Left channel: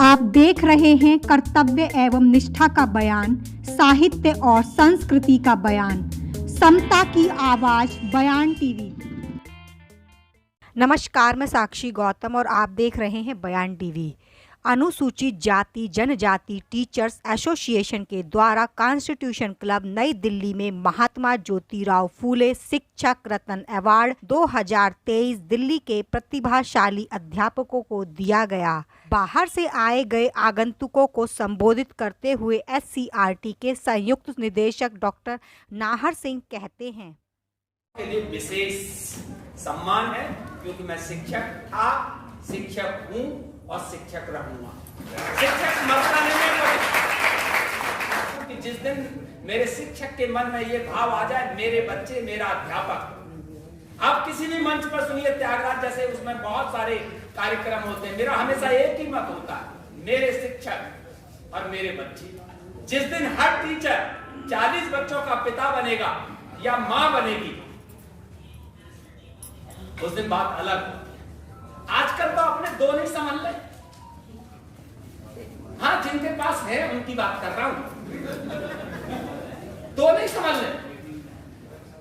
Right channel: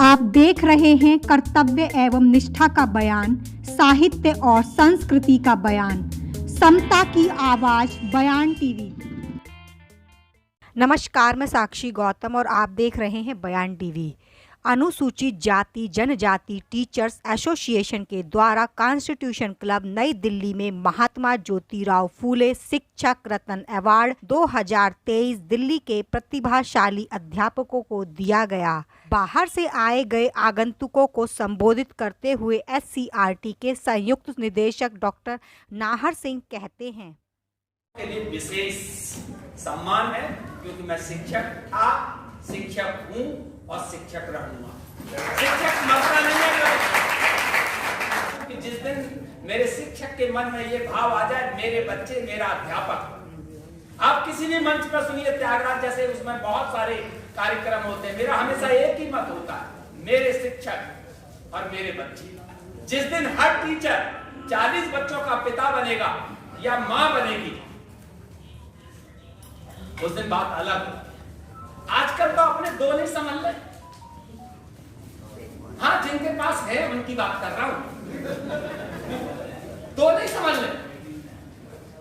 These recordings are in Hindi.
आप देख रहे हैं कर्तव्य एवं निष्ठा का बयान, साहित्य और संस्कृति का बयान, समता की आवाज बयान टीवी। नमस्कार, मैं साक्षी गौतम और आप देख रहे हैं बयान टीवी। अनुसूचित जाति जनजाति टीचर्स एसोसिएशन के द्वारा कॉन्स्टिट्यूशन क्लब नई दिल्ली में महात्मा ज्योतिराव फूले शिक्षक रत्न अवार्ड 2023 दिल्ली के प्रतिभाशाली अध्यापकों को दिया गया। बाहर से आए गए आगंतुकों को संबोधित करते हुए SCRT के संयुक्त निदेशक डॉक्टर नाहर सिंह कहते हैं, के लिए विशेष सम्मान है क्योंकि मैं शिक्षक था, शिक्षक हूँ और शिक्षक रहूंगा। शिक्षक मरता नहीं है क्योंकि जिस दिन मेरे शिक्षक के मन में ये भाव आ जाए, मेरे बच्चे मेरा अध्यापक। आप किसी भी मंच पर सुनिए, त्यागराज जैसे उसमें बहुत सारे कार्यक्रम होते हैं, मेरा हमेशा एक ही मत होता है, मेरे शिक्षक और मेरे बच्चे। जिस दिन हर टीचर 40 बच्चों का पिता बनेगा या मां बनेगी, उस दिन बात अलग हो। आजकल तो अपने दो नहीं समझ ले। हाँ, जिनके पास है उनकी बात कर रहा हूं, दो नहीं समझ ले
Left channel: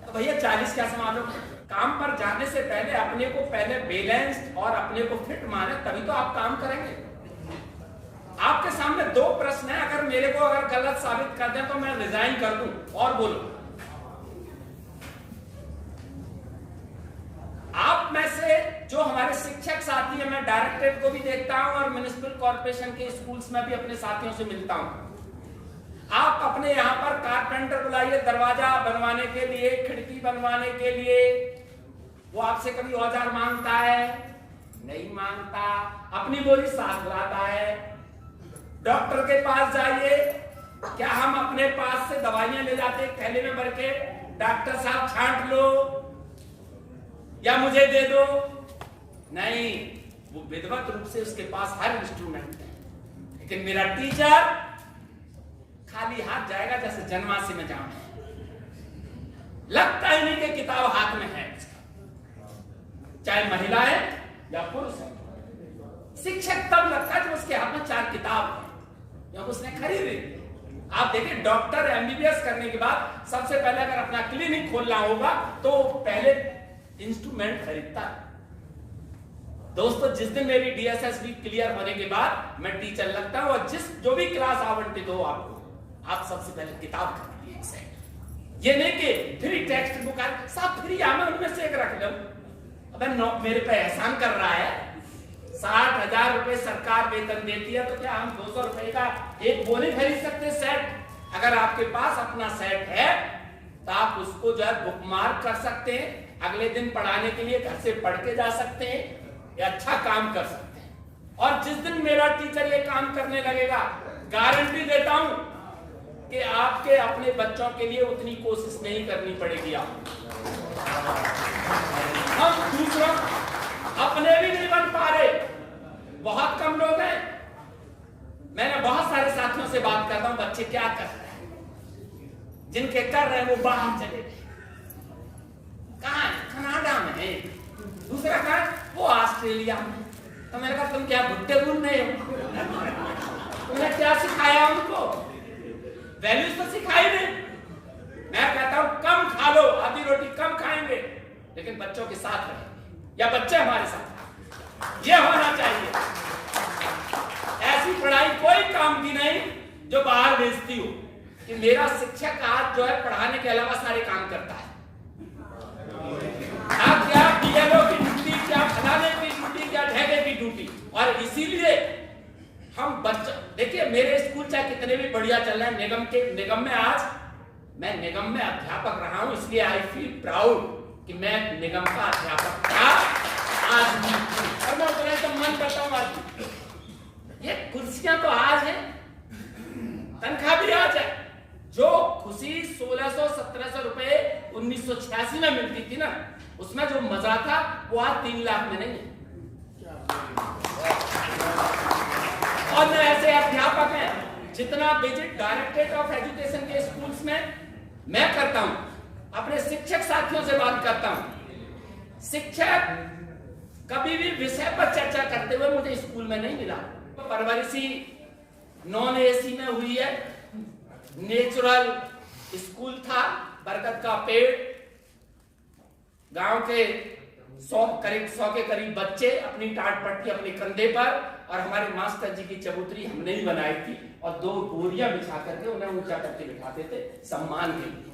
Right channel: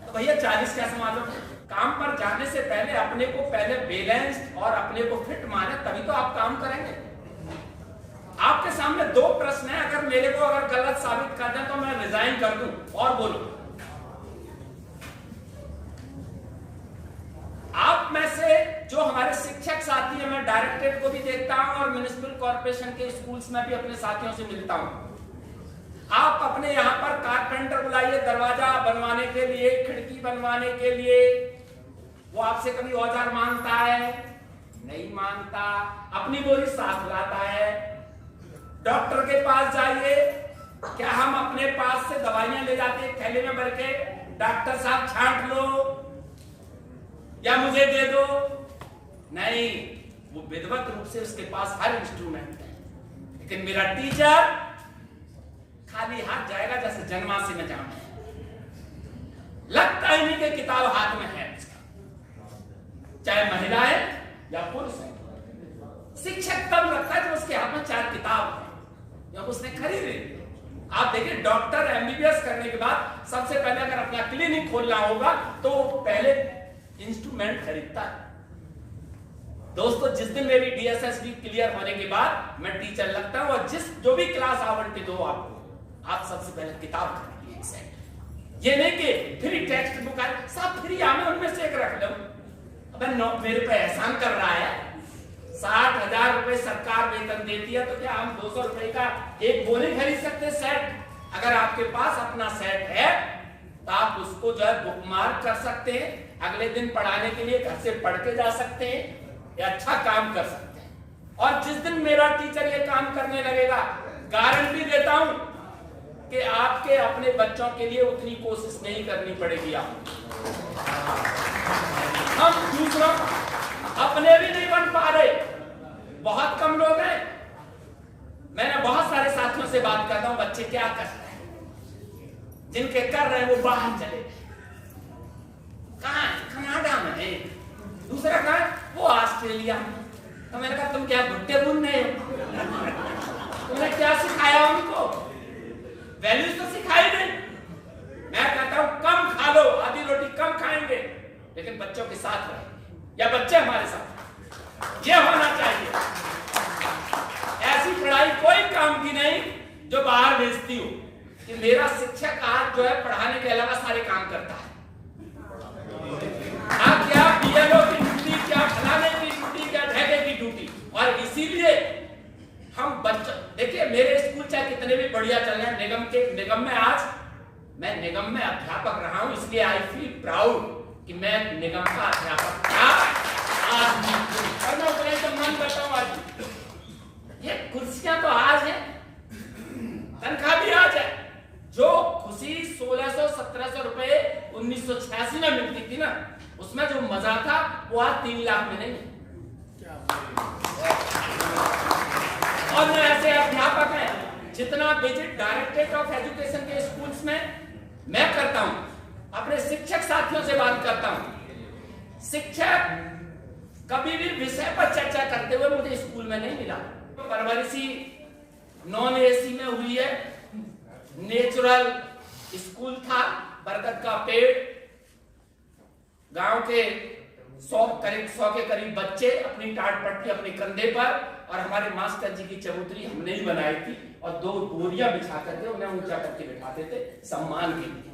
तो भैया 40 क्या संभालो। काम पर जाने से पहले अपने को पहले बैलेंस्ड और अपने को फिट माने, तभी तो आप काम करेंगे। आपके सामने दो प्रश्न है, अगर मेरे को गलत साबित कर दें तो मैं रिजाइन कर दूं और बोलो। आप में से जो हमारे शिक्षक साथी हैं, मैं डायरेक्टरेट को भी देखता हूं और म्युनिसिपल कॉर्पोरेशन के स्कूल्स में भी अपने साथियों से मिलता हूं। आप अपने यहां पर कारपेंटर बुलाइए, दरवाजा बनवाने के लिए, खिड़की बनवाने के लिए। वो आपसे कभी औजार मांगता है? नहीं मांगता। अपनी बोरी साथ लाता है। डॉक्टर के पास जाइए, क्या हम अपने पास से दवाइयां ले जाते हैं थैले में भर के, डॉक्टर साहब छांट लो या मुझे दे दो? नहीं, वो विधिवत रूप से उसके पास हर इंस्ट्रूमेंट है। लेकिन मेरा टीचर खाली हाथ जाएगा जैसे जन्माष्टमी में जाऊं, लगता ही नहीं कि किताब हाथ में है, चाहे महिलाएं या पुरुष है। शिक्षक तब लगता है जब उसके हाथ में 4 किताब है, जब उसने खरीदी। आप देखिए, डॉक्टर MBBS करने के बाद सबसे पहले अगर अपना क्लिनिक खोलना होगा तो पहले इंस्ट्रूमेंट खरीदता है। दोस्तों, जिस दिन मेरी DSSB क्लियर होने के बाद मैं टीचर लगता हूं और जो भी क्लास आवंटित हो आपको, आप सबसे पहले किताब खरीदिए एक सेट। ये नहीं कि फ्री टेक्स्ट बुक है, सब फ्री है, मैं उनमें से एक रख लूं। अबे मेरे पे एहसान कर रहा है। 60,000 रुपए सरकार वेतन देती है, तो क्या हम 200 रुपए का एक बोली खरीद सकते हैं सेट? अगर आपके पास अपना सेट है तो आप उसको जो है बुकमार्क कर सकते हैं, अगले दिन पढ़ाने के लिए घर से पढ़ के जा सकते हैं या अच्छा काम कर सकते हैं। और जिस दिन मेरा टीचर ये काम करने लगेगा, गारंटी देता हूं कि आपके अपने बच्चों के लिए उतनी कोशिश नहीं करनी पड़ेगी आपको। हम दूसरों अपने भी नहीं बन पा रहे, बहुत कम लोग हैं। मैंने बहुत सारे साथियों से बात करता हूं, बच्चे क्या कर रहे हैं, जिनके कर रहे हैं वो बाहर चले गए। कहां है? कनाडा में है। दूसरा कहां है? वो ऑस्ट्रेलिया में। तो मैंने कहा, तुम क्या भुट्टे भून रहे हो? तुमने क्या सिखाया उनको? वैल्यूज तो सिखाई नहीं। मैं कहता हूं कम खा लो, आधी रोटी कम खाएंगे, लेकिन बच्चों के साथ रहेंगे या बच्चे हमारे साथ। ये होना चाहिए। ऐसी पढ़ाई कोई काम की नहीं जो बाहर भेजती हो कि मेरा शिक्षक आज जो है पढ़ाने के अलावा सारे काम करता है। क्या BLO की ड्यूटी, क्या फलाने की ड्यूटी, क्या ढेके की ड्यूटी। और इसीलिए हम बच्चे देखिए, मेरे स्कूल चाहे कितने भी बढ़िया चल रहे हैं, निगम में आज मैं निगम में अध्यापक रहा हूं, इसलिए आई फील प्राउड कि मैं निगम का अध्यापक था। आज मैं तो मन बताऊं, आज ये कुर्सियां तो आज है, तनख्वाह भी आज है। जो खुशी 1600-1700 रुपए 1986 में मिलती थी ना, उसमें जो मजा था वो आज 3 लाख में नहीं है। और मैं ऐसे अध्यापक हैं, जितना विजिट डायरेक्टरेट ऑफ एजुकेशन के स्कूल्स में मैं करता हूं, अपने शिक्षक साथियों से बात करता हूं। शिक्षक कभी भी विषय पर चर्चा करते हुए मुझे स्कूल में नहीं मिला। परवरिश ही नॉन एसी में हुई है। नेचुरल स्कूल था, बरगद का पेड़, गांव के 100 के करीब बच्चे अपनी टाट पट्टी अपने कंधे पर, और हमारे मास्टर जी की चबूतरी हमने ही बनाई थी, और 2 बोरियां बिछा करके उन्हें ऊंचा करके बिठाते थे सम्मान के लिए।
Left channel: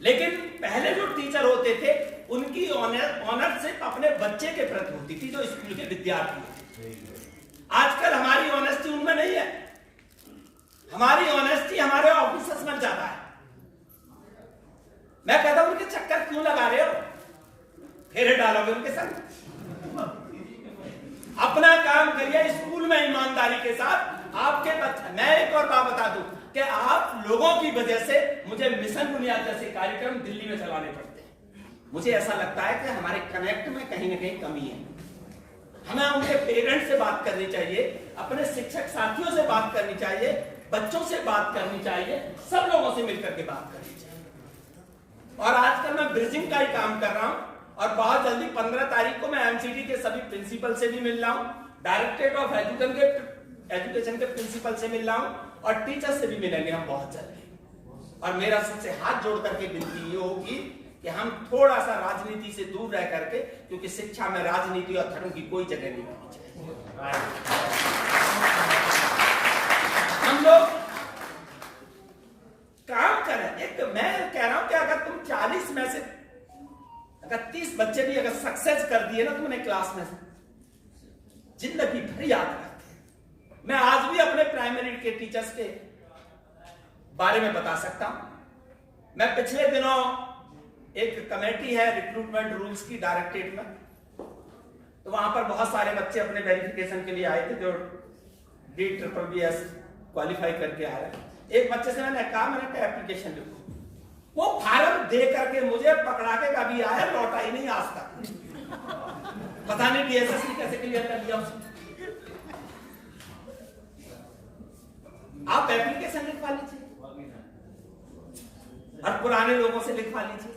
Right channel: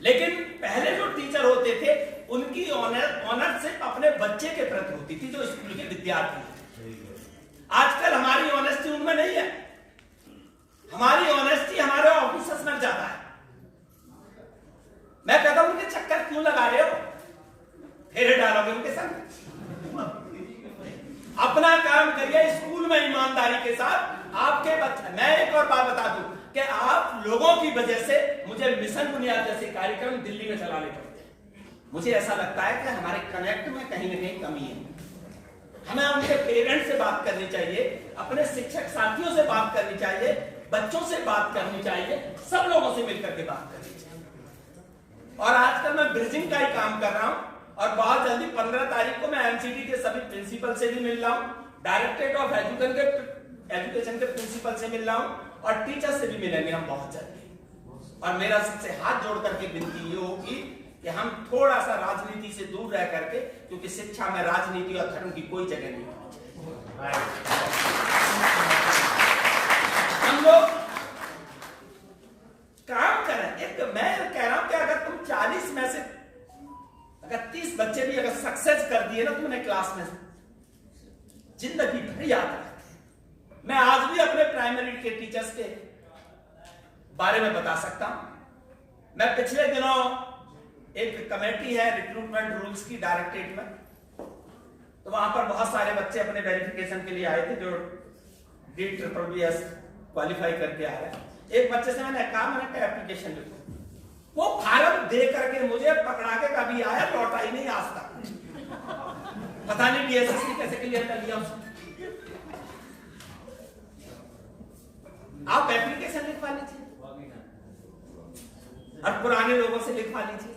लेकिन पहले जो टीचर होते थे उनकी ऑनर सिर्फ अपने बच्चे के प्रति होती थी, जो स्कूल के विद्यार्थी। आजकल हमारी ऑनेस्टी उनमें नहीं है, हमारी ऑनेस्टी हमारे ऑफिसर्स में ज्यादा है। मैं कहता हूं उनके चक्कर क्यों लगा रहे हो, फेरे डालोगे उनके संग। अपना काम करिए स्कूल में ईमानदारी के साथ। आपके बच्चे, मैं एक और बात बता दूं कि आप लोगों की वजह से मुझे मिशन बुनियाद जैसे कार्यक्रम दिल्ली में चलाने पड़ते हैं। मुझे ऐसा लगता है कि हमारे कनेक्ट में कहीं ना कहीं कमी है। हमें उनके पेरेंट्स से बात करनी चाहिए, अपने शिक्षक साथियों से बात करनी चाहिए, बच्चों से बात करनी चाहिए, सब लोगों से मिलकर के बात करनी चाहिए। और आजकल मैं ब्रिजिंग का ही काम कर रहा हूं, और बहुत जल्दी 15 तारीख को मैं एमसीडी के सभी प्रिंसिपल से भी मिल रहा हूं, डायरेक्टरेट ऑफ एजुकेशन के प्रिंसिपल से मिल रहा हूं, और टीचर से भी मिलेंगे हम बहुत जल्दी। और मेरा सबसे हाथ जोड़ करके विनती ये होगी कि हम थोड़ा सा राजनीति से दूर रह करके, क्योंकि शिक्षा में राजनीति और धर्म की कोई जगह नहीं होनी चाहिए। हम लोग काम करें। एक मैं कह रहा हूं कि अगर तुम 40 में से अगर 30 बच्चे भी अगर सक्सेस कर दिए ना तुमने क्लास में से, जिंदगी भर याद रखते हैं। मैं आज भी अपने प्राइमरी के टीचर्स के बारे में बता सकता हूं। मैं पिछले दिनों एक कमेटी है रिक्रूटमेंट रूल्स की डायरेक्टरेट में, तो वहां पर बहुत सारे बच्चे अपने वेरिफिकेशन के लिए आए थे जो DSSS क्वालिफाई करके आ रहे हैं। एक बच्चे से मैंने कहा एप्लीकेशन लिखो, वो फार्म दे करके मुझे पकड़ा के कभी आया, लौटा ही नहीं आज तक। पता नहीं DSSS ने कैसे क्लियर कर लिया उसने। आप एप्लीकेशन लिखवा लीजिए और पुराने लोगों से लिखवा लीजिए।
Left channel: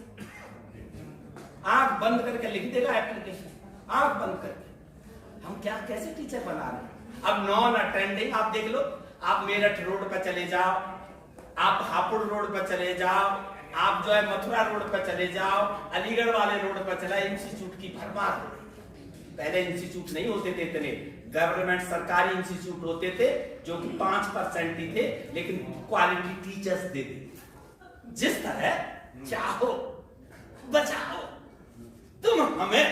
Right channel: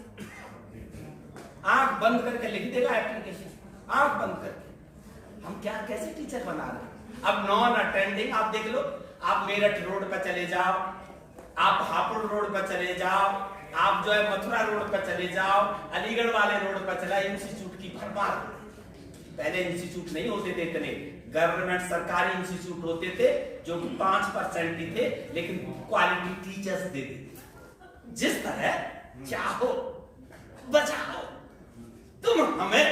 आंख बंद करके लिख देगा एप्लीकेशन, आंख बंद करके। हम क्या कैसे टीचर बना रहे हैं। अब नॉन अटेंडिंग आप देख लो, आप मेरठ रोड पर चले जाओ, आप हापुड़ रोड पर चले जाओ, आप जो है मथुरा रोड पर चले जाओ, अलीगढ़ वाले रोड पर चला, इंस्टीट्यूट की भरमार। पहले इंस्टीट्यूट नहीं होते थे इतने, गवर्नमेंट सरकारी इंस्टीट्यूट होते थे जो कि 5% ही थे, लेकिन क्वालिटी टीचर्स देते थे। जिस तरह चाहो बचाओ, तुम हमें,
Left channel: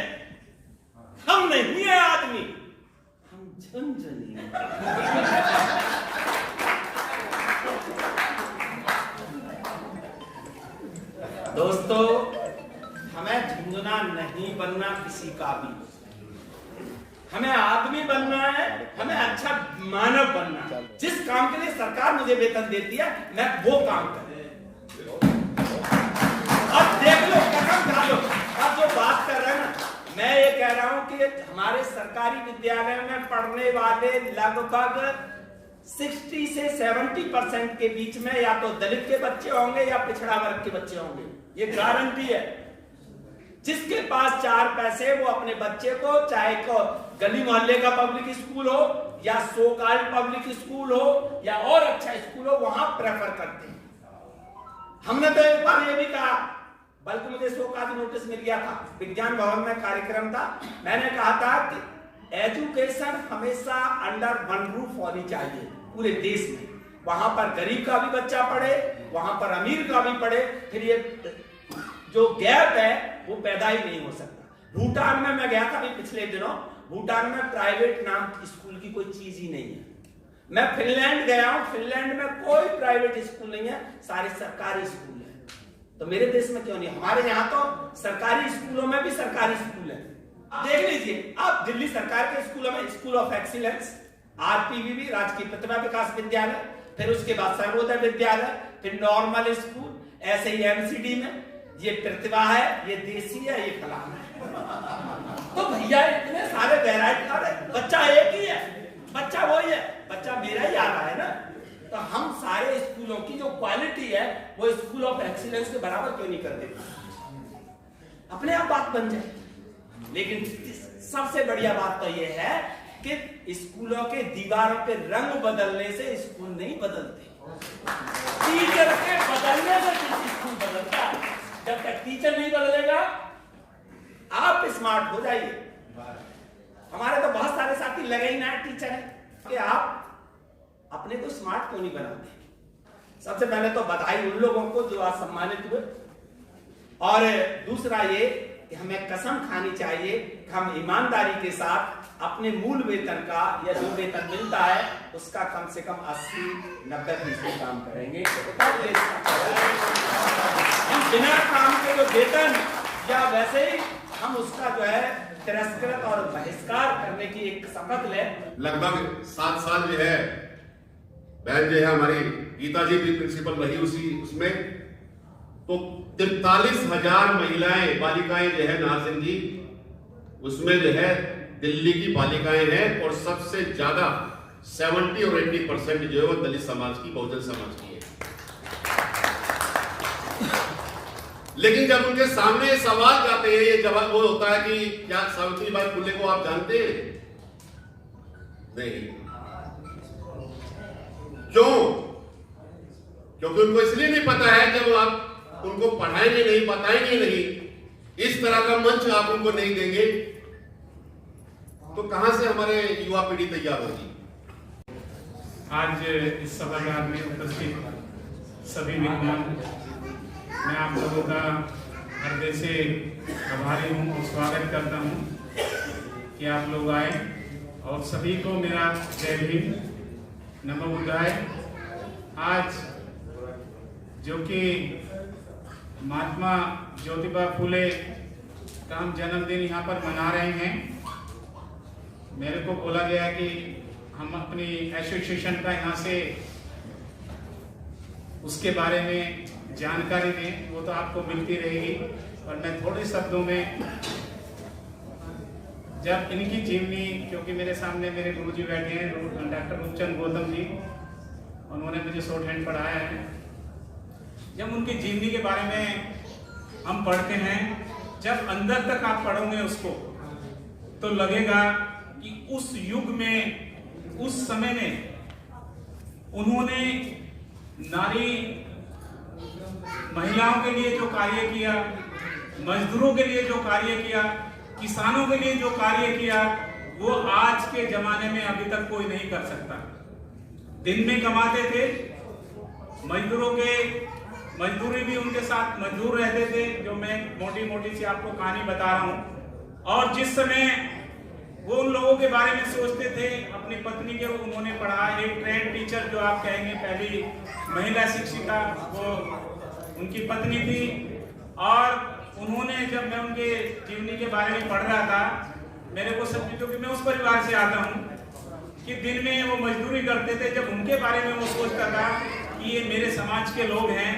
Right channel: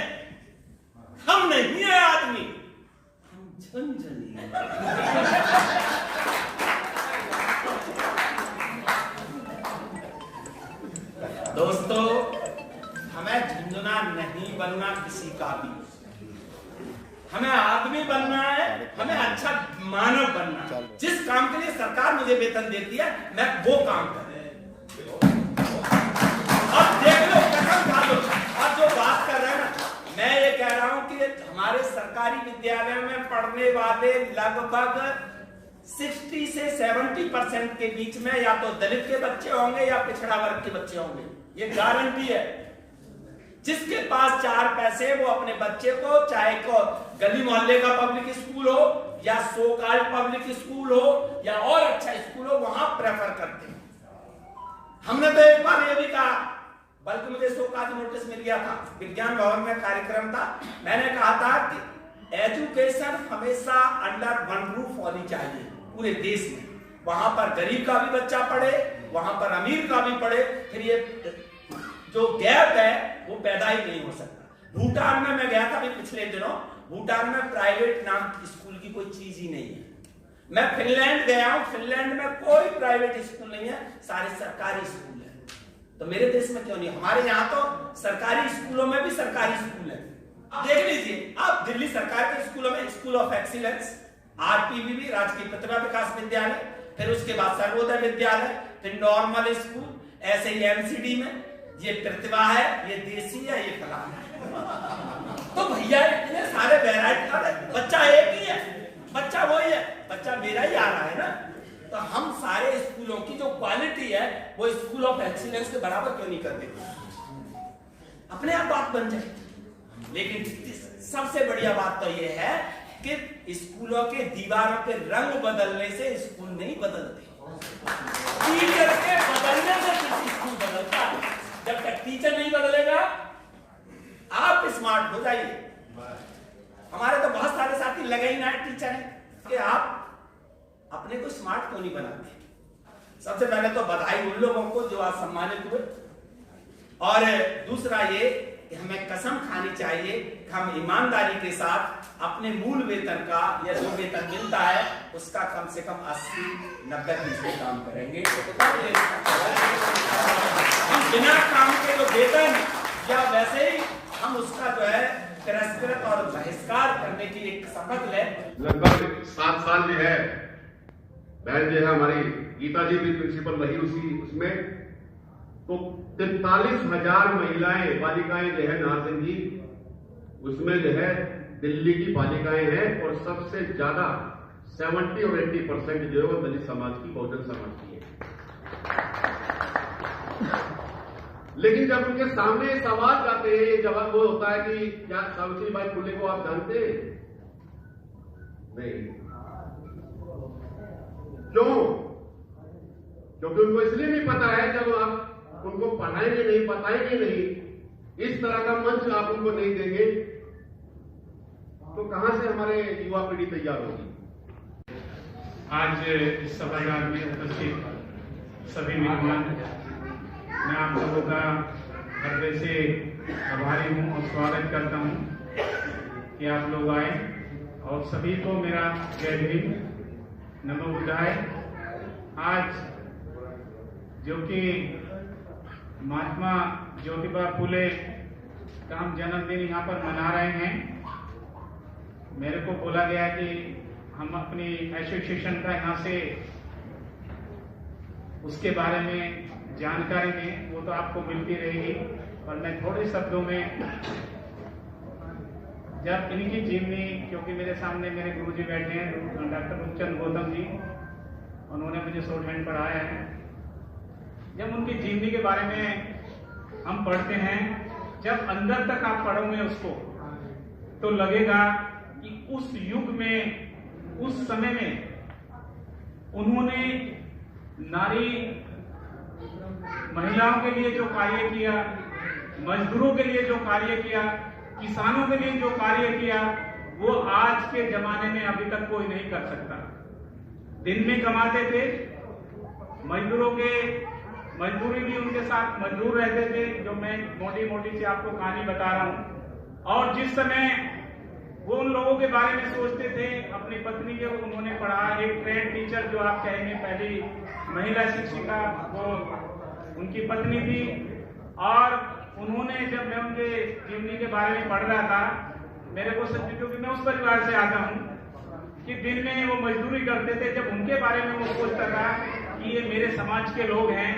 हम नहीं है आदमी, हम झुनझुनी। दोस्तों, हमें झुंझुना नहीं बनना किसी का भी, हमें आदमी बनना है, हमें अच्छा मानव बनना है। जिस काम के लिए सरकार मुझे वेतन देती है मैं वो काम कर। अब देख लो, कसम खा लो, अब जो बात कर रहे हैं ना, मैं ये कह रहा हूं कि हमारे सरकारी विद्यालय में पढ़ने वाले लगभग 60 से 70% के बीच में या तो दलित के बच्चे होंगे या पिछड़ा वर्ग के बच्चे होंगे, ये गारंटी है। जिसके पास 4 पैसे वो अपने बच्चे को, चाहे को गली मोहल्ले का पब्लिक स्कूल हो या सो कॉल्ड पब्लिक स्कूल हो या और अच्छा स्कूल हो, वहां प्रेफर करते हैं। हमने तो एक बार ये भी कहा, बल्कि मुझे सो कॉल्ड नोटिस मिल गया था, विज्ञान भवन में कार्यक्रम था, मैंने कहा था कि एजुकेशन हमेशा अंडर वन रूफ होनी चाहिए पूरे देश में। वहां पर गरीब का भी बच्चा पढ़े, वहां पर अमीर का भी पढ़े, फिर ये जो गैप है वो पैदा ही नहीं हो सकता। भूटान में मैं गया था अभी पिछले दिनों, भूटान में प्राइवेट नाम स्कूल की कोई चीज ही नहीं है। मैं फिनलैंड गया हूं, फिनलैंड में कोई प्राइवेट स्कूल नहीं है, सारे सरकारी स्कूल है। तो मेरे देश में क्यों नहीं? हमारे यहाँ तो सरकारी स्कूलों में भी सरकारी स्कूल है। देख लीजिए आप, दिल्ली सरकार के स्कूलों में स्कूल ऑफ एक्सीलेंस, RPVB राजकीय प्रतिभा विकास विद्यालय, फिर उसके बाद सर्वोदय विद्यालय, फिर नॉर्मल स्कूल, ऐसे ही MCD में ये प्रतिभा है, ये देसी है, ये फलाना है। तो भैया इतने सारे वैरायटी, अरे बच्चा एक ही है, बच्चा वही है, बच्चा मेरा ही आ रहा है ना। तो हम सारे स्कूलों की जो क्वालिटी है वो स्कूल ऑफ एक्सीलेंस के बराबर क्यों नहीं कर देते? अपने आप बात बन जाए। लेकिन सबसे बढ़िया बात तो ये है कि स्कूलों के दीवारों के रंग बदलने से स्कूल नहीं बदलते, टीचर के बदलने से किसी स्कूल बदलता है। जब तक टीचर नहीं बदलेगा आप स्मार्ट हो जाइए। हमारे तो बहुत सारे साथी लगे ही ना टीचर हैं कि आप अपने को स्मार्ट क्यों नहीं बनाते। सबसे पहले तो बधाई उन लोगों को जो आज सम्मानित हुए, और दूसरा ये कि हमें कसम खानी चाहिए कि हम ईमानदारी के साथ अपने मूल वेतन का या जो वेतन मिलता है उसका कम से कम 80-90% काम करेंगे। हम बिना काम के जो वेतन या वैसे ही हम उसका जो है तिरस्कृत और बहिष्कार करने की एक शपथ ले। लगभग 7 साल जो है बहन जो है हमारी गीता जी भी प्रिंसिपल रही उसमें, तो 43,000 महिलाएं बालिकाएं जो है नाज़िम जी उसमें जो है दिल्ली की बालिकाएं हैं, और सबसे ज्यादा 70 और 80% जो है वो दलित समाज की, बहुजन समाज की है। लेकिन जब उनके सामने सवाल जाते हैं, ये जवाब वो होता है कि क्या सावित्रीबाई फुले को आप जानते हैं? नहीं। क्यों? क्योंकि उनको इसलिए नहीं पता है, जब आप उनको पढ़ाएंगे नहीं, बताएंगे नहीं, इस तरह का मंच आप उनको नहीं देंगे तो कहां से हमारे युवा पीढ़ी तैयार होगी। आज इस सभागार में उपस्थित सभी मेहमान, मैं आप लोगों का हृदय से आभारी हूँ और स्वागत करता हूँ कि आप लोग आए, और सभी को मेरा जय भीम, नमो बुद्धाय। आज जो कि महात्मा ज्योतिबा फुले का हम जन्मदिन यहाँ पर मना रहे हैं, मेरे को बोला गया कि हम अपनी एसोसिएशन का यहाँ से उसके बारे में जानकारी दें, वो तो आपको मिलती रहेगी, और मैं थोड़े शब्दों में जब इनकी जीवनी, क्योंकि मेरे सामने मेरे गुरुजी बैठे हैं डॉक्टर रूपचंद गौतम जी, उन्होंने मुझे शॉर्ट हैंड पढ़ाया है। जब उनकी जीवनी के बारे में हम पढ़ते हैं, जब अंदर तक आप पढ़ोगे उसको तो लगेगा कि उस युग में, उस समय में उन्होंने नारी महिलाओं के लिए जो कार्य किया, मजदूरों के लिए जो कार्य किया, किसानों के लिए जो कार्य किया, वो आज के जमाने में अभी तक कोई नहीं कर सकता। दिन में कमाते थे, मजदूरों के मजदूरी भी उनके साथ मजदूर रहते थे, जो मैं मोटी मोटी सी आपको कहानी बता रहा हूँ। और जिस समय वो उन लोगों के बारे में सोचते थे, अपनी पत्नी के उन्होंने पढ़ा, एक ट्रेन टीचर जो आप कहेंगे पहली महिला शिक्षिका, वो उनकी पत्नी थी। और उन्होंने, जब मैं उनके जीवनी के बारे में पढ़ रहा था, मेरे को सच, क्योंकि मैं उस परिवार से आता हूँ कि दिन में वो मजदूरी करते थे, जब उनके बारे में वो सोचता था कि ये मेरे समाज के लोग हैं,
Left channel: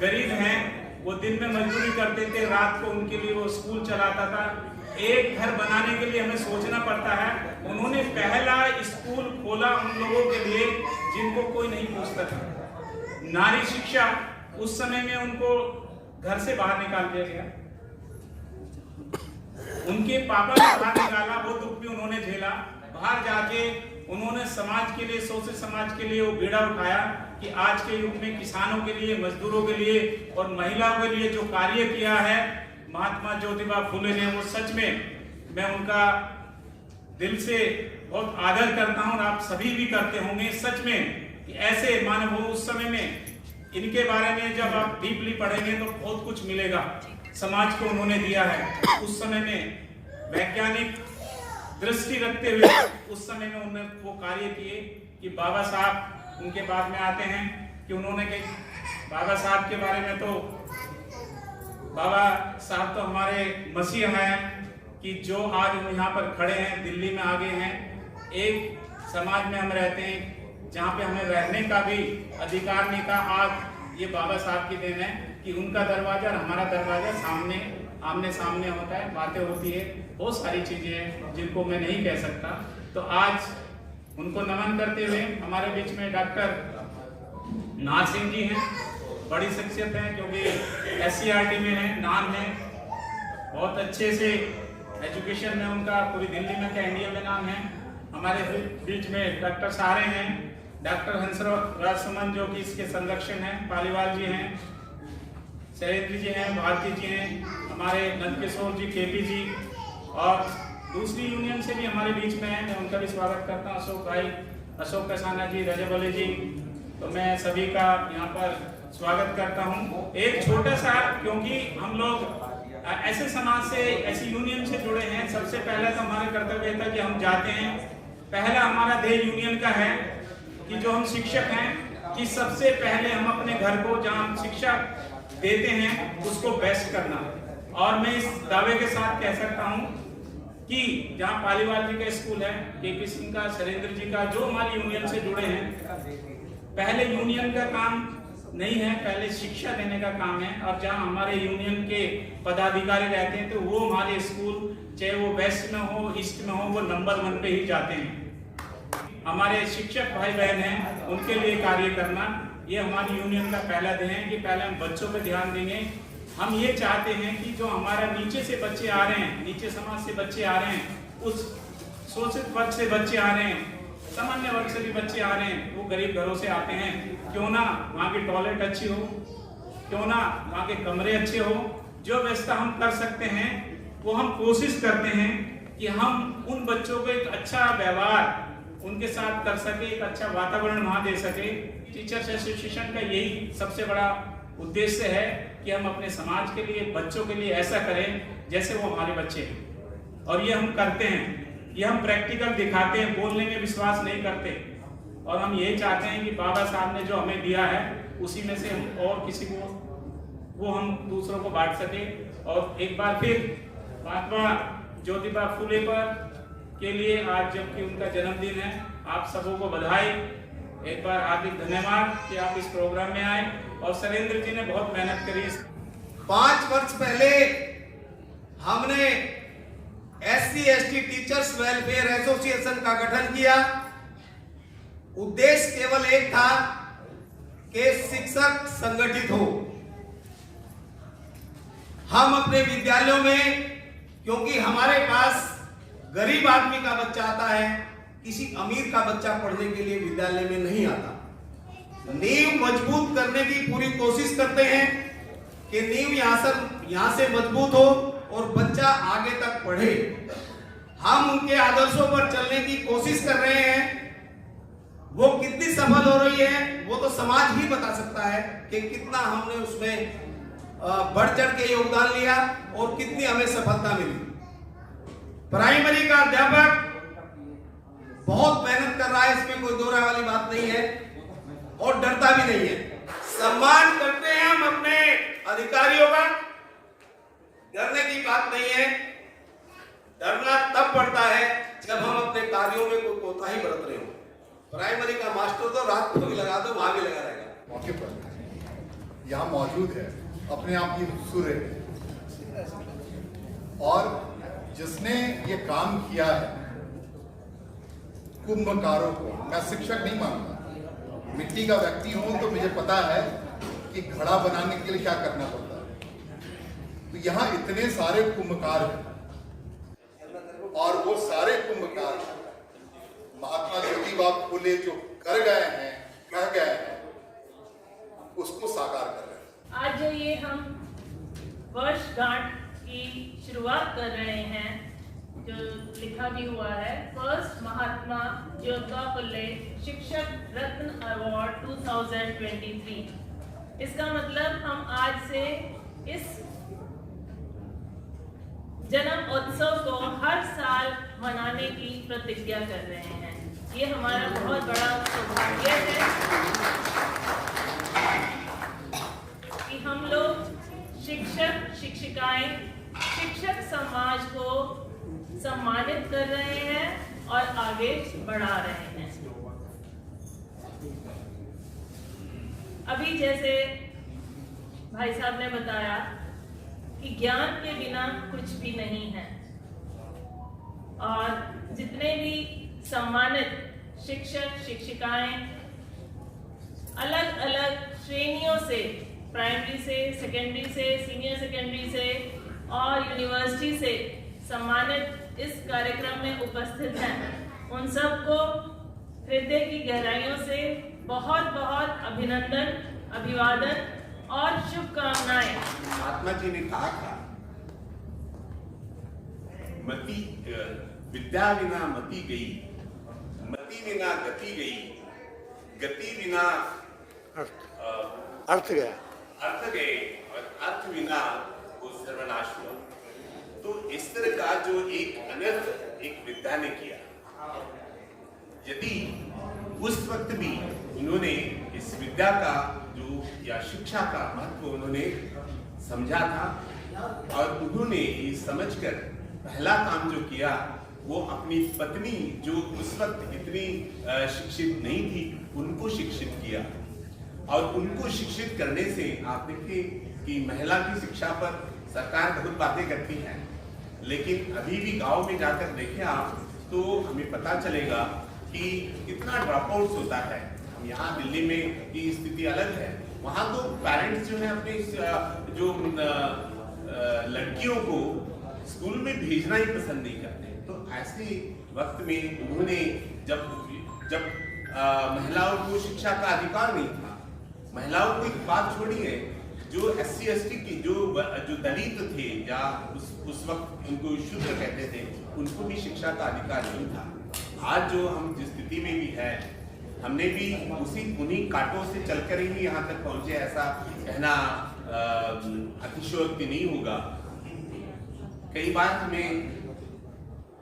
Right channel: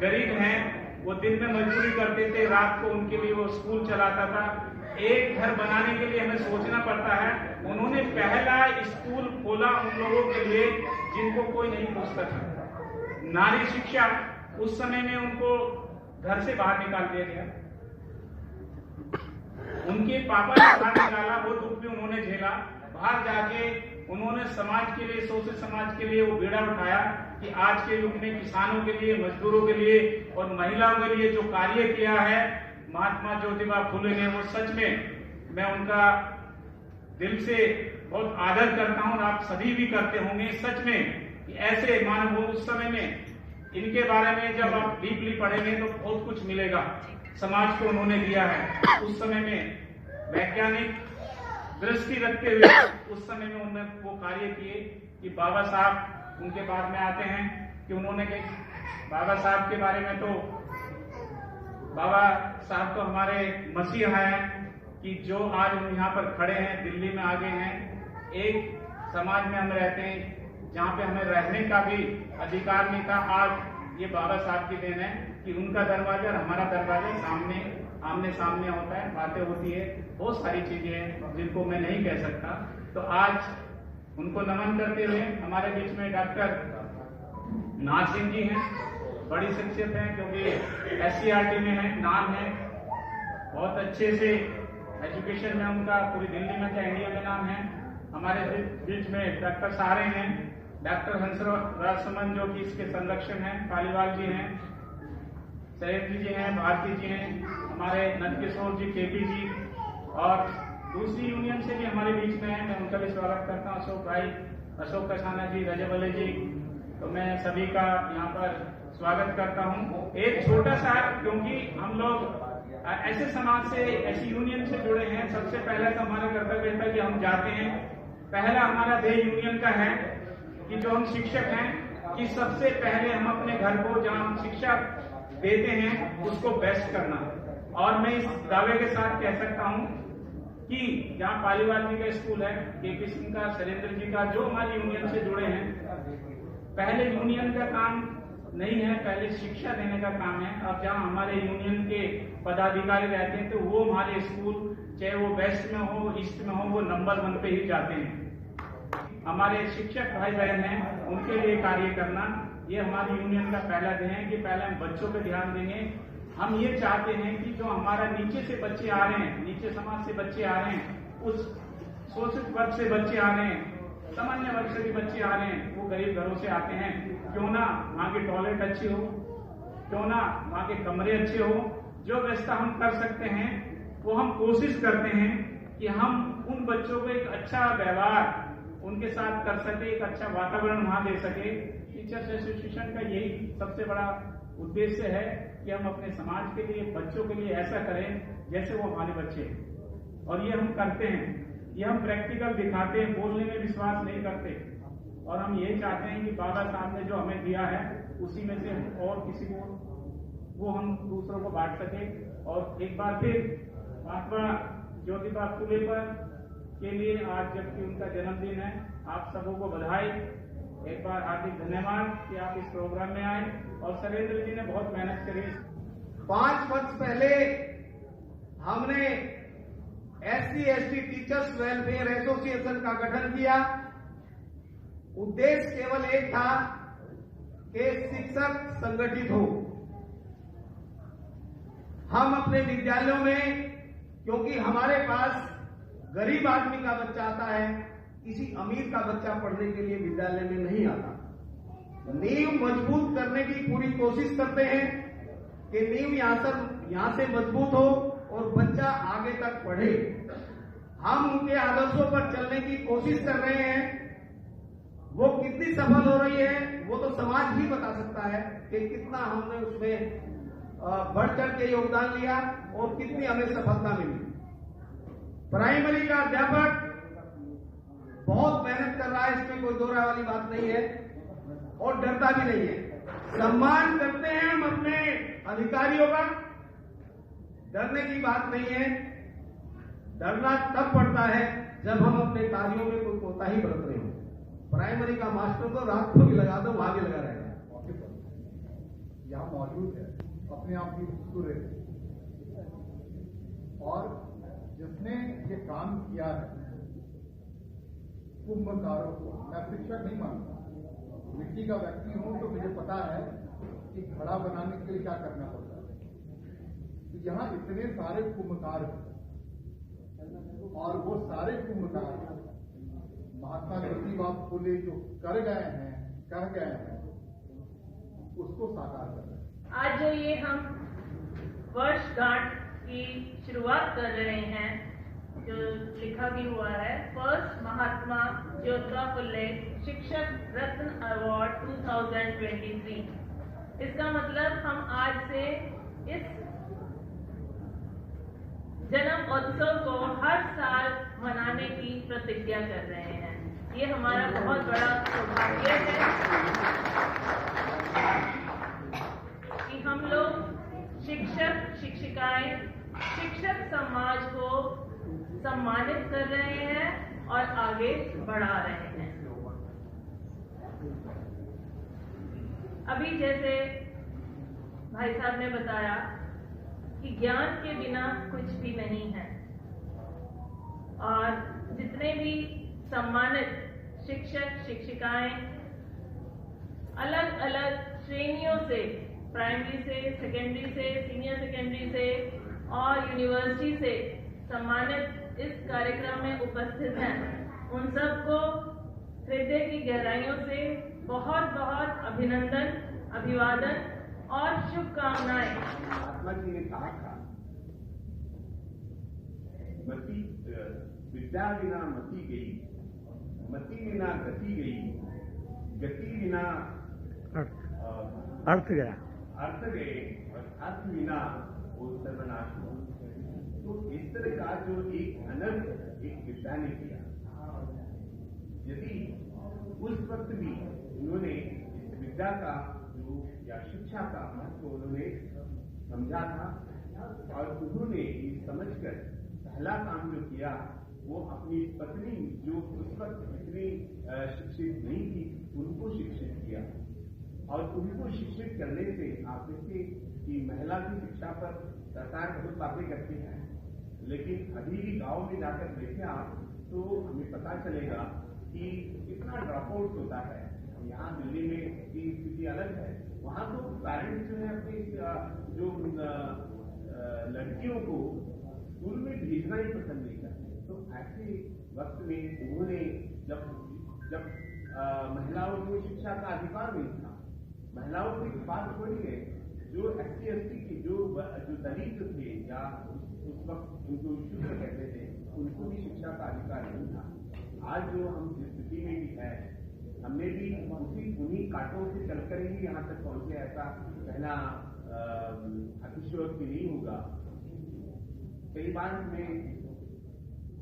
गरीब हैं, वो दिन में मजदूरी करते थे, रात को उनके लिए वो स्कूल चलाता था। एक घर बनाने के लिए हमें सोचना पड़ता है। उन्होंने पहला स्कूल खोला उन लोगों के लिए जिनको कोई नहीं पूछता था। नारी शिक्षा, उस समय में उनको घर से बाहर निकाल दिया गया, उनके पापा ने बाहर निकाला, वो दुख भी उन्होंने झेला। बाहर जाके उन्होंने समाज के लिए, सोशल समाज के लिए वो बीड़ा उठाया कि आज के युग में किसानों के लिए, मजदूरों के लिए और महिलाओं के लिए जो कार्य किया है महात्मा ज्योतिबा फुले ने, वो सच में मैं उनका दिल से बहुत आदर करता हूं, और आप सभी भी करते होंगे सच में कि ऐसे मानव हो। उस समय में इनके बारे में जब आप डीपली पढ़ेंगे तो बहुत कुछ मिलेगा समाज को उन्होंने दिया है। उस समय में वैज्ञानिक दृष्टि रखते हुए उस समय में उन्होंने वो कार्य किए कि बाबा साहब उनके बाद में आते हैं कि उन्होंने कहा बाबा साहब के बारे में, तो बाबा साहब तो हमारे मसीहा हैं कि जो आज हम यहाँ पर खड़े हैं, दिल्ली में आगे हैं। एक समाज में हम रहते हैं जहाँ पे हमें रहने का भी अधिकार नहीं था। आज ये बाबा साहब की देन है कि उनका दरवाजा और हमारा दरवाजा आमने सामने होता है, बातें होती है, बहुत सारी चीजें हैं जिनको मैं नहीं कह सकता। तो आज उनको नमन करते हुए हमारे बीच में डॉक्टर नाज़िम जी हैं, बड़ी शख्सियत है क्योंकि SCRT में है, नाम है, बहुत अच्छे से एजुकेशन में उनका पूरी दिल्ली में क्या इंडिया में नाम है। हमारे बीच में डॉक्टर सारे हैं, डॉक्टर हंसराज सुमन जो कि इसके संरक्षण हैं, पालीवाल जी हैं, शैलेंद्र जी हैं, भारती जी हैं, हमारे नंदकिशोर जी, केपी जी, और दूसरी यूनियन से भी हमारे बीच में हैं। मैं उनका भी स्वागत करता हूँ, अशोक भाई, अशोक कसाना जी, रजब अली जी। तो मैं सभी का यहाँ पर स्वागत करता हूँ। एक छोटा सा, क्योंकि हम लोग ऐसे समाज से, ऐसी यूनियन से जुड़े हैं, सबसे पहले तो हमारा कर्तव्य था कि हम जाते हैं, पहला हमारा ध्येय यूनियन का है कि जो हम शिक्षक हैं कि सबसे पहले हम अपने घर को जहाँ हम शिक्षा देते हैं उसको बेस्ट करना। और मैं इस दावे के साथ कह सकता हूँ कि जहाँ पालीवाल जी का स्कूल है, केपी सिंह का, शैलेंद्र जी का, जो हमारी यूनियन से जुड़े हैं, पहले यूनियन का काम नहीं है, पहले शिक्षा देने का काम है। अब जहाँ हमारे यूनियन के पदाधिकारी रहते हैं तो वो हमारे स्कूल, चाहे वो वेस्ट में हो, ईस्ट में हो, वो नंबर 1 पे ही जाते हैं। हमारे शिक्षक भाई बहन हैं, उनके लिए कार्य करना, ये हमारी यूनियन का पहला ध्येय है कि पहले हम बच्चों पे ध्यान देंगे। हम ये चाहते हैं कि जो हमारा नीचे से बच्चे आ रहे हैं, नीचे समाज से बच्चे आ रहे हैं, उस शोषित वर्ग से बच्चे आ रहे हैं, सामान्य वर्ग से भी बच्चे आ रहे हैं, वो गरीब घरों से आते हैं, क्यों ना वहाँ की टॉयलेट अच्छी हो, क्यों ना वहाँ के कमरे अच्छे हो, जो व्यवस्था हम कर सकते हैं वो हम कोशिश करते हैं कि हम उन बच्चों को एक अच्छा व्यवहार उनके साथ कर सके, एक अच्छा वातावरण वहाँ दे सके। टीचर्स एसोसिएशन का यही सबसे बड़ा उद्देश्य है कि हम अपने समाज के लिए, बच्चों के लिए ऐसा करें जैसे वो हमारे बच्चे हैं, और ये हम करते हैं, ये हम प्रैक्टिकल दिखाते हैं, बोलने में विश्वास नहीं करते। और हम यही चाहते हैं कि बाबा साहब ने जो हमें दिया है उसी में से हम और किसी को, वो हम दूसरों को बांट सके। और एक बार फिर महात्मा ज्योतिबा फुले पर के लिए आज जबकि उनका जन्मदिन है, आप सबों को बधाई, एक बार हार्दिक धन्यवाद कि आप इस प्रोग्राम में आए। और शैलेंद्र जी ने बहुत मेहनत करी। 5 वर्ष पहले हमने SC/ST टीचर्स वेलफेयर एसोसिएशन का गठन किया। उद्देश्य केवल एक था कि शिक्षक संगठित हो। हम अपने विद्यालयों में, क्योंकि हमारे पास गरीब आदमी का बच्चा आता है, किसी अमीर का बच्चा पढ़ने के लिए विद्यालय में नहीं आता, नींव मजबूत करने की पूरी कोशिश करते हैं कि नींव यहाँ से मजबूत हो और बच्चा आगे तक पढ़े। हम उनके आदर्शों पर चलने की कोशिश कर रहे हैं। वो कितनी सफल हो रही है वो तो समाज ही बता सकता है कि कितना हमने उसमें बढ़ चढ़ के योगदान लिया और कितनी हमें सफलता मिली। प्राइमरी का अध्यापक बहुत मेहनत कर रहा है, इसमें कोई दो राय वाली बात नहीं है, और डरता भी नहीं है। सम्मान करते हैं हम अपने अधिकारियों का, डरने की बात नहीं है। डरना तब पड़ता है जब हम अपने कार्यों में कोई कोताही बरत रहे हो। प्राइमरी का मास्टर तो रात को भी लगा दो, वहां भी लगा रहेगा। मौके पर यहाँ मौजूद है, अपने आप ही खूबसूरत है, और जिसने ये काम किया है, कुंभकारों को मैं शिक्षक नहीं मानता, मिट्टी का व्यक्ति हूं तो मुझे पता है कि घड़ा बनाने के लिए क्या करना पड़ता है। तो यहाँ इतने सारे कुंभकार हैं, और वो सारे कुंभकार महात्मा ज्योतिबा फुले जो कर गए हैं, कह गए हैं, उसको साकार कर रहे हैं। आज जो ये हम वर्षगांठ की शुरुआत कर रहे हैं, जो लिखा भी हुआ है, फर्स्ट महात्मा ज्योतिबा फुले शिक्षक रत्न अवार्ड 2023। इसका मतलब हम आज से इस जन्म उत्सव को हर साल मनाने की प्रतिज्ञा कर रहे हैं। ये हमारा बहुत बड़ा सौभाग्य है कि हम लोग शिक्षक, शिक्षिकाएं, शिक्षक समाज को सम्मानित कर रहे हैं और आगे बढ़ा रहे हैं। अभी जैसे भाई साहब ने बताया कि ज्ञान के बिना कुछ भी नहीं है, और जितने भी सम्मानित शिक्षक, शिक्षिकाएं अलग अलग श्रेणियों से, प्राइमरी से, सेकेंडरी से, सीनियर सेकेंडरी से और यूनिवर्सिटी से सम्मानित इस कार्यक्रम में उपस्थित हैं, उन सबको हृदय की गहराइयों से बहुत बहुत अभिनंदन, अभिवादन और शुभकामनाएं। महात्मा जी ने कहा था, मति विद्या विना मति गई, मति विना गति गई, गति विना अर्थ गया, अर्थ गए और अर्थ बिना वो सर्वनाश हुआ। तो इस तरह का जो एक अनर्थ एक विद्या ने किया, यदि उस वक्त भी उन्होंने इस विद्या का जो या शिक्षा का महत्व उन्होंने समझा था और उन्होंने ये समझकर पहला काम जो किया वो अपनी पत्नी जो उस वक्त इतनी शिक्षित नहीं थी उनको शिक्षित किया। और उनको शिक्षित करने से आप देखिए कि महिला की शिक्षा पर सरकार बहुत बातें करती है, लेकिन अभी भी गांव में जाकर देखें आप तो हमें पता चलेगा कि कितना ड्रॉप आउट्स होता है। यहाँ दिल्ली में की स्थिति अलग है, वहाँ तो पेरेंट्स जो है अपने जो लड़कियों को स्कूल में भेजना ही पसंद नहीं करते। तो ऐसे वक्त में उन्होंने जब महिलाओं को शिक्षा का अधिकार नहीं था, महिलाओं को एक बात छोड़िए, जो SC ST की जो दलित थे या उस वक्त उनको शूद्र कहते थे, उनको भी शिक्षा का अधिकार नहीं था। आज जो हम जिस स्थिति में भी है, हमने भी उन्हीं कांटों से चलकर ही यहाँ तक पहुंचे, ऐसा कहना अतिशयोक्ति नहीं होगा। कई बार हमें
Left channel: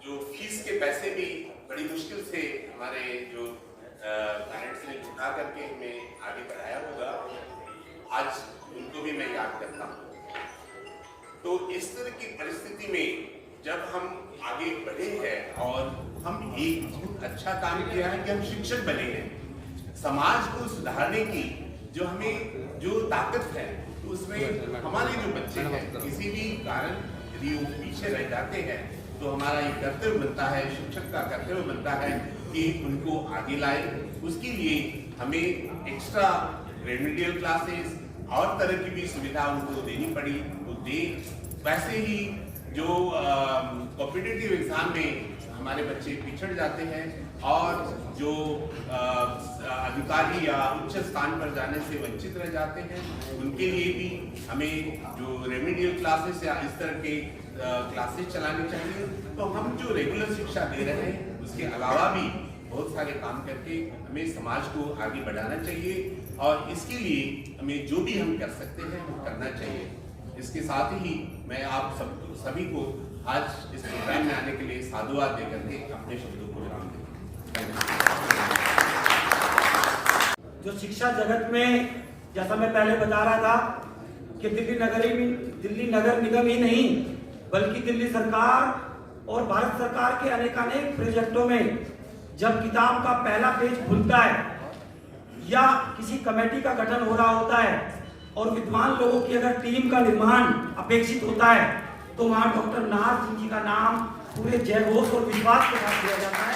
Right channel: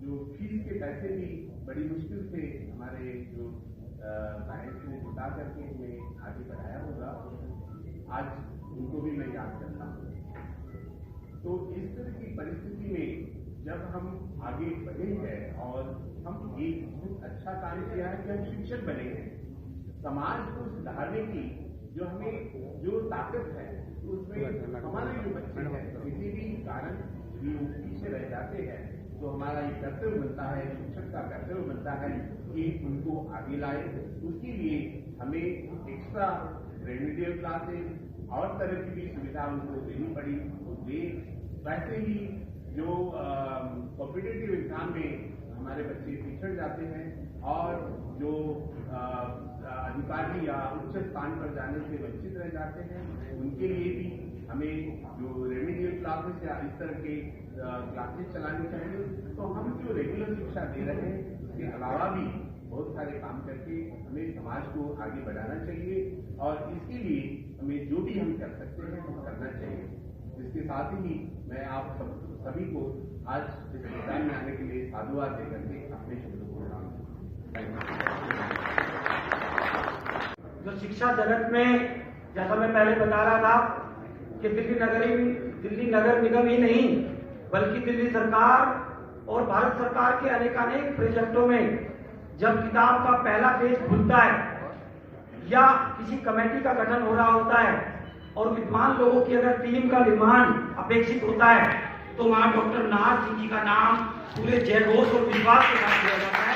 जो फीस के पैसे भी बड़ी मुश्किल से हमारे जो पेरेंट्स ने जुटा करके हमें आगे बढ़ाया होगा, आज उनको भी मैं याद करता हूँ। तो इस तरह की परिस्थिति में जब हम आगे बढ़े हैं और हम एक बहुत अच्छा काम किया है कि हम शिक्षक बने हैं, समाज को सुधारने की जो हमें जो ताकत है, तो उसमें हमारे जो बच्चे हैं किसी भी कारण यदि वो पीछे रह जाते हैं तो हमारा ये कर्तव्य बनता है, शिक्षक का कर्तव्य बनता है कि उनको आगे लाए। उसके लिए हमें एक्स्ट्रा रेमेडियल क्लासेस और तरह की भी सुविधा उनको देनी पड़ी, वो दे। वैसे ही जो कॉम्पिटिटिव एग्जाम में हमारे बच्चे पिछड़ जाते हैं और जो अधिकारी या उच्च स्थान पर जाने से वंचित रह जाते हैं, उनके लिए भी हमें जो रेमेडियल क्लासेस या इस तरह के क्लासेस चलानी चाहिए। तो हम जो रेगुलर शिक्षा दे रहे हैं उसके अलावा भी बहुत सारे काम करके हमें समाज को आगे बढ़ाना चाहिए और इसके लिए हमें जो भी हम कर सकते हैं वो करना चाहिए। इसके साथ ही मैं आप सभी को आज इस प्रोग्राम में आने के लिए साधुवाद देकर के अपने शब्दों को विराम देता हूं। जो शिक्षा जगत में, जैसा मैं पहले बता रहा था कि दिल्ली नगर निगम ही नहीं बल्कि दिल्ली सरकार और भारत सरकार के अनेकानेक प्रोजेक्टों में जब किताब का पहला पेज खुलता है या किसी कमेटी का गठन हो रहा होता है और विद्वान लोगों की अगर टीम का निर्माण अपेक्षित होता है तो वहां डॉक्टर नाहर सिंह जी का नाम पूरे जयघोष और विश्वास के साथ दिया जाता है।